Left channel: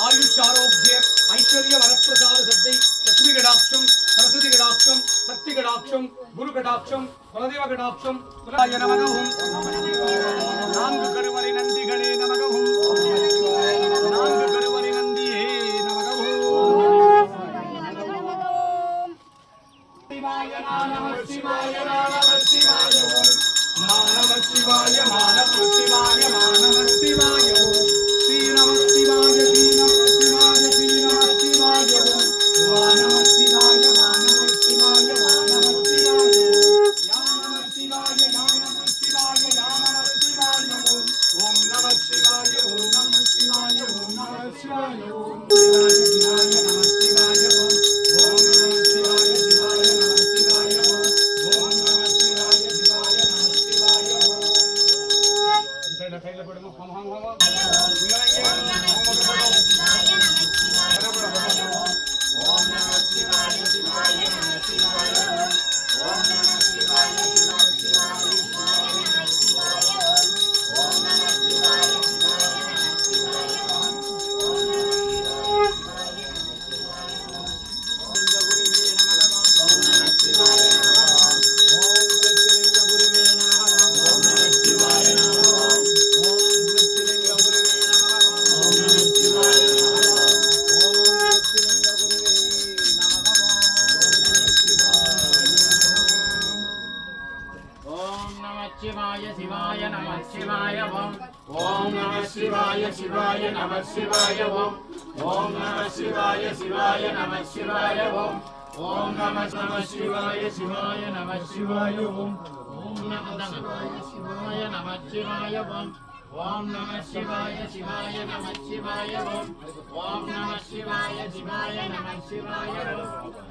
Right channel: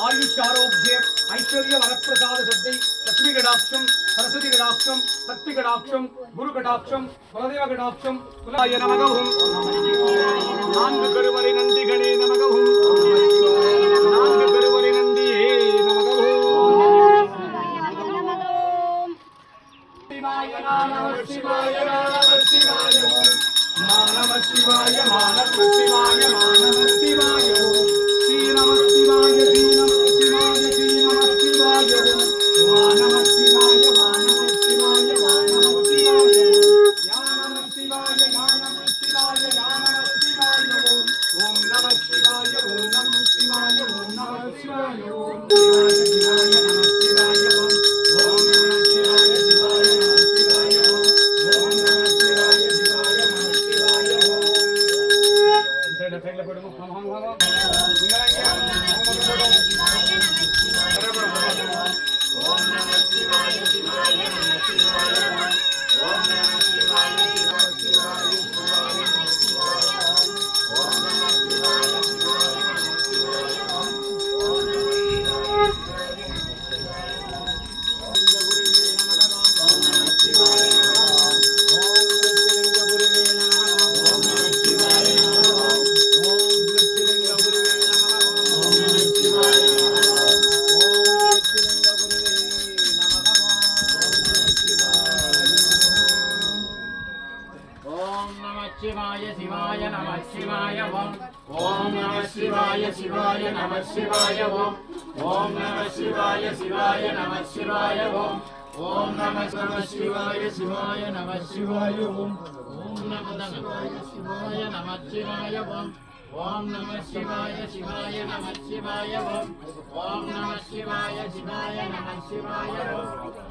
आयुष्यारोग्य ऐश्वर्य वरप्रसाद सिद्धि लक्ष्मी कटाक्षम सरस्वती कटाक्षम शक्ति कटाक्षम गुरु कटाक्षम कुलदेव कटाक्षम तुलाय नमः नान्கு கருவறை நந்திகளே நமக நான்கு கருவறை நந்தியே நமக சிவாய நமः சிவாய நமः சிவாய நமः சிவாய நமः சிவாய நமः சிவாய ஸ்ரீ நமः சிவாய ஸ்ரீ நமः சிவாய ஸ்ரீ நமः சிவாய நமः சிவாய நமः சிவாய நமः சிவாய யா நமः சிவாய யா நமः சிவாய யா நமः சிவாய ஓம் நமः சிவாய ஓம் நமः சிவாய ஓம் நமः சிவாய ஓம் சிவாய சிவாய நமः சிவாய ஓம் நமः சிவாய சிவாய நமः சிவாய ஓம் நமः சிவாய சிவாய நமः சிவாய ஓம் சைடுல போடுங்க ஹம் ஹம் ஹம் शिवाय शिवाय नमः शिवाय ओम नमः शिवाय शिवाय नमः शिवाय ओम नमः शिवाय शिवाय नमः शिवाय ओम नमः शिवाय शिवाय नमः शिवाय ओम नमः शिवाय नमः शिवाय ओम नमः शिवाय शिवाय नमः शिवाय ओम नमः शिवाय शिवाय नमः शिवाय